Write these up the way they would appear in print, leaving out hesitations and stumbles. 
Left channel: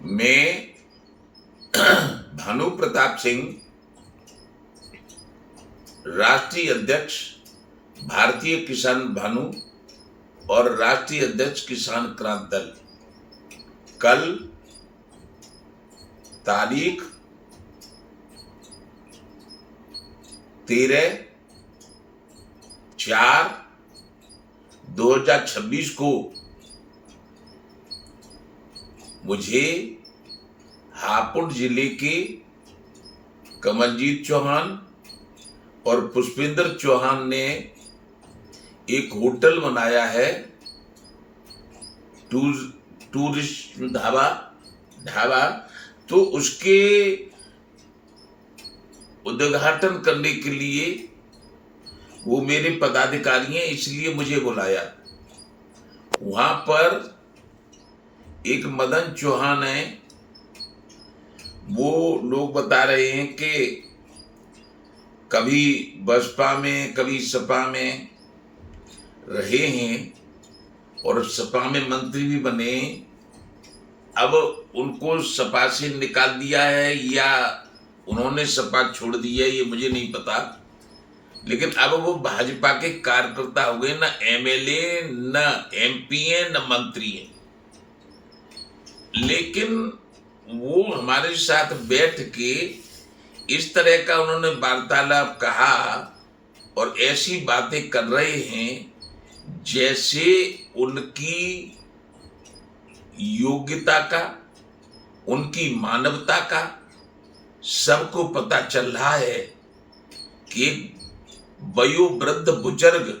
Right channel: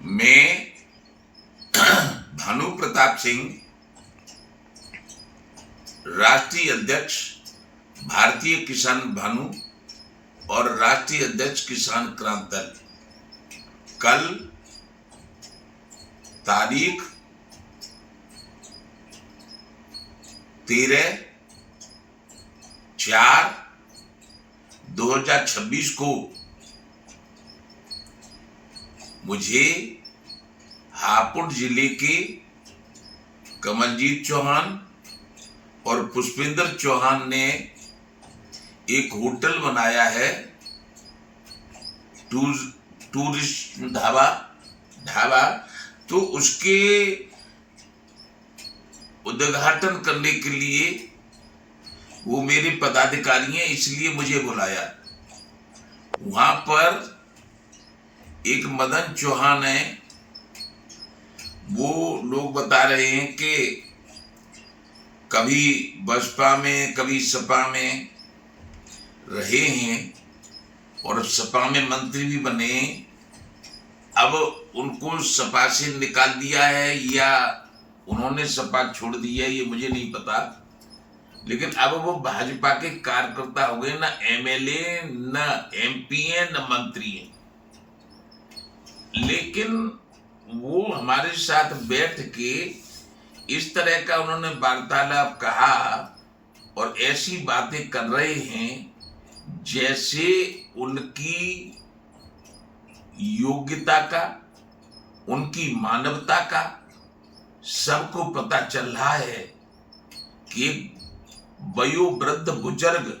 मैं भानु प्रताप सिंह, राष्ट्रीय अध्यक्ष भारतीय किसान भानु और राष्ट्रीय अध्यक्ष किसान क्रांति दल, कल तारीख 13/4/2026 को मुझे हापुड़ जिले के कमलजीत चौहान और पुष्पेंद्र चौहान ने एक होटल बनाया है, टूरिस्ट ढाबा। तो उसके उद्घाटन करने के लिए वो मेरे पदाधिकारी हैं, इसलिए मुझे बुलाया। वहां पर एक मदन चौहान है, वो लोग बता रहे हैं कि कभी बसपा में कभी सपा में रहे हैं और सपा में मंत्री भी बने। अब उनको सपा से निकाल दिया है या उन्होंने सपा छोड़ दिया है, ये मुझे नहीं पता। लेकिन अब वो भाजपा के कार्यकर्ता हो गए, न एमएलए न एमपी है न मंत्री है। लेकिन वो हमारे साथ बैठ के इस तरह का उन्होंने वार्तालाप कहा और ऐसी बातें कर रहे हैं जैसे उनकी योग्यता का, उनकी मानवता का सबको पता चल रहा है कि वयोवृद्ध बुजुर्ग,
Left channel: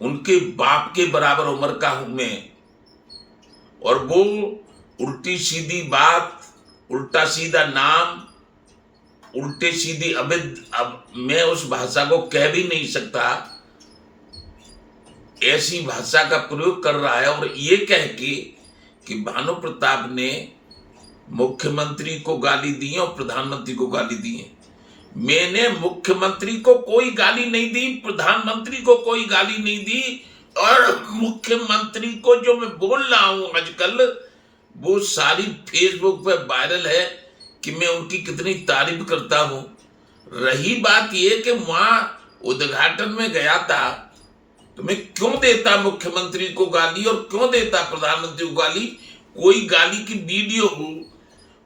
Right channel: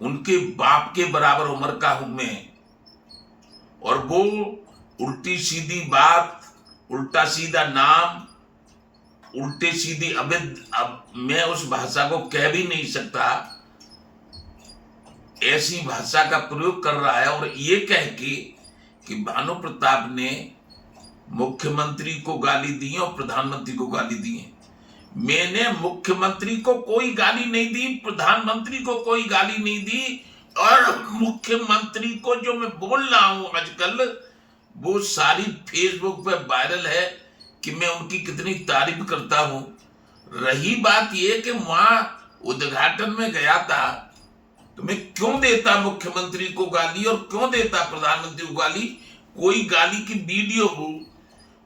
उनके बाप के बराबर उम्र का हूं मैं, और वो उल्टी सीधी बात, उल्टा सीधा नाम, उल्टे सीधी अब मैं उस भाषा को कह भी नहीं सकता, ऐसी भाषा का प्रयोग कर रहा है। और ये कह के कि भानु प्रताप ने मुख्यमंत्री को गाली दी है और प्रधानमंत्री को गाली दी है। मैंने मुख्यमंत्री को कोई गाली नहीं दी, प्रधानमंत्री को कोई गाली नहीं दी, और मुख्यमंत्री को जो मैं बोल रहा हूं आजकल वो सारी फेसबुक पे वायरल है कि मैं उनकी कितनी तारीफ करता हूं। रही बात यह कि वहां उद्घाटन में गया था तो मैं क्यों देता मुख्यमंत्री को गाली और क्यों देता प्रधानमंत्री को गाली। कोई गाली की वीडियो हो,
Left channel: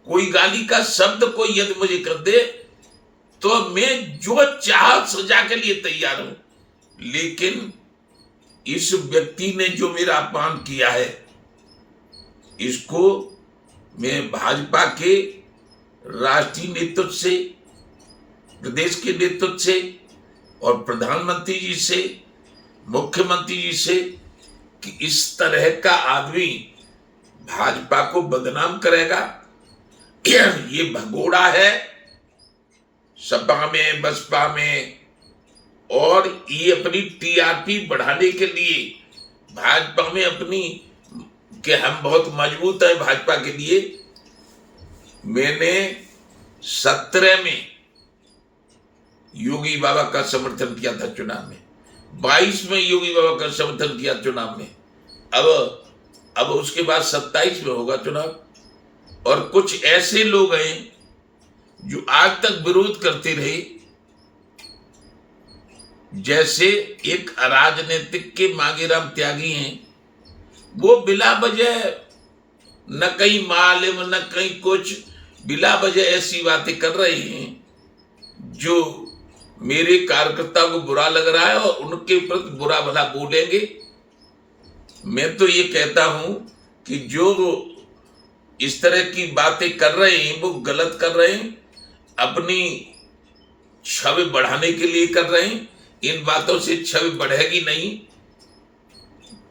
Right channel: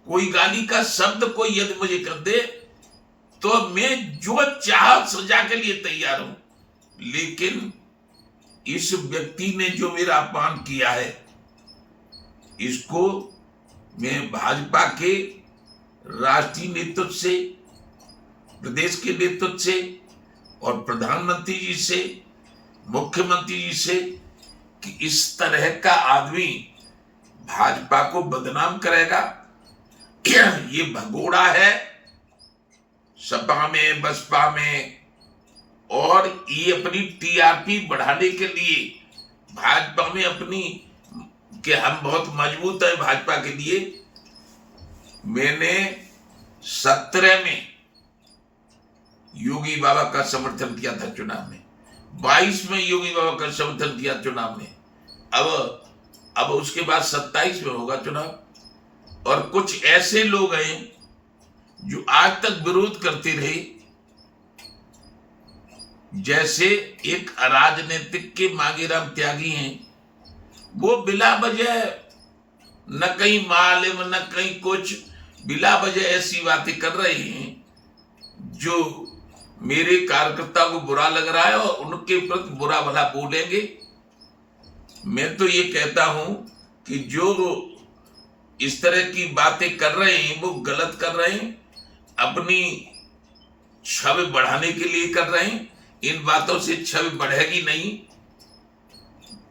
कोई गाली का शब्द कोई यदि मुझे कर दे तो मैं जो चाह सजा के लिए तैयार हूं। लेकिन इस व्यक्ति ने जो मेरा अपमान किया है, इसको मैं भाजपा के राष्ट्रीय नेतृत्व से, प्रदेश के नेतृत्व से और प्रधानमंत्री जी से, मुख्यमंत्री जी से कि इस तरह का आदमी भाजपा को बदनाम करेगा, ये भगोड़ा है सपा में बसपा में, और ये अपनी टीआरपी बढ़ाने के लिए भाजपा में अपनी कि हम बहुत मजबूत है भाजपा के लिए। मैंने 17 में योगी बाबा का समर्थन किया था चुनाव में, 22 में योगी बाबा का समर्थन किया चुनाव में, अब उसके बाद 27 में होगा चुनाव। और कुछ ऐसे लोग हैं जो आज तक विरोध करते रहे, जैसे एक अराजनीतिक के मांगेराम त्यागी हैं, वो बिला वजह न कहीं मालूम न कहीं कुछ, बिला वजह ऐसी बातें कर रहे हैं जो मेरे कार्यकर्ता को बुरा लग रहा है और उनके प्रति बुरा भला बोलेंगे। मैं तो ये कहता हूं कि जो इस तरह की बातें कर रहे हैं वो गलत कर रहे हैं, अपनी छवि बढ़ाने के लिए कर रहे हैं। इन बातों से छवि बढ़ेगी नहीं।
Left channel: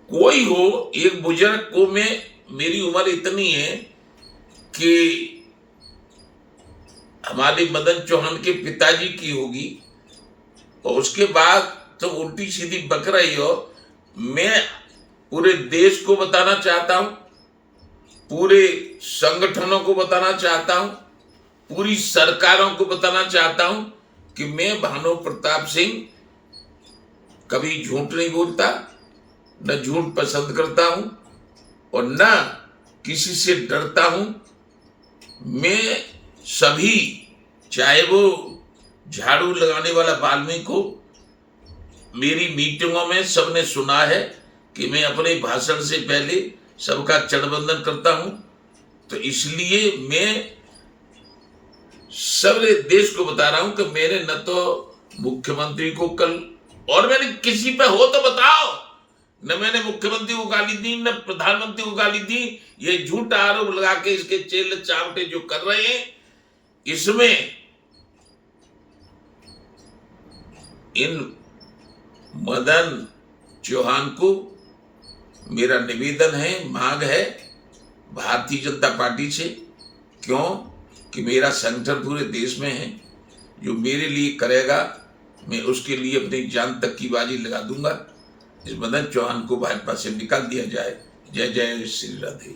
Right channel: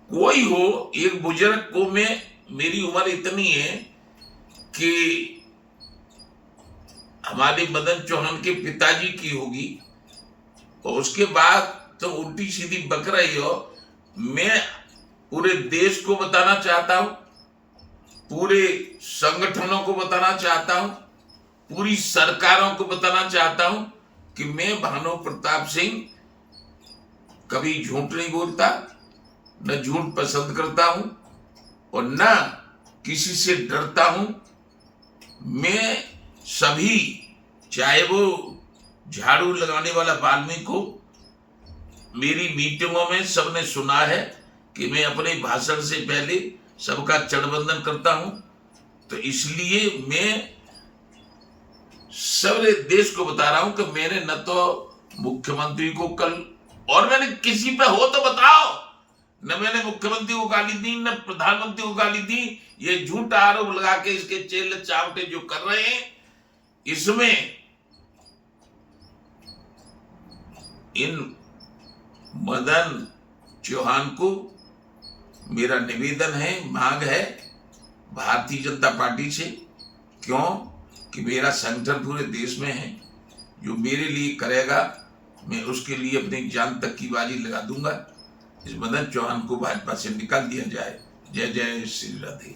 कोई हो, एक बुजुर्ग को मेरी उम्र इतनी है कि हमारे मदन चौहान के पिताजी की होगी, और उसके बाद तुम तो उल्टी सीधी बक रही हो। मैं पूरे देश को बताना चाहता हूं, पूरे संगठनों को बताना चाहता हूं, पूरी सरकारों को बताना चाहता हूं कि मैं भानु प्रताप सिंह कभी झूठ नहीं बोलता, न झूठ पसंद करता हूं, और न किसी से डरता हूं। मैं सभी, चाहे वो झाड़ू लगाने वाला वाल्मीकि हो, मेरी मीटिंगों में सबने सुना है कि मैं अपने भाषण से पहले सबका चरणवंदन करता हूं। तो इसलिए मैं सारे देश को बता रहा हूं कि मैंने न तो मुख्यमंत्री को कल, और मैंने किसी पे हो तो बताओ, न मैंने मुख्यमंत्री को गाली दी न प्रधानमंत्री को गाली दी। ये झूठा आरोप लगा के इसके चेले चावटे जो कर रहे हैं, इसमें इन मदन चौहान को मेरा निवेदन है, मांग है भारतीय जनता पार्टी से, क्यों कि मेरा संगठन पूरे देश में है। जो मेरे लिए करेगा मैं उसके लिए अपनी जान तक की बाजी लगा दूंगा। इस मदन चौहान को भाजपा से निकाल दिया जाए। जय जय श्री राधे।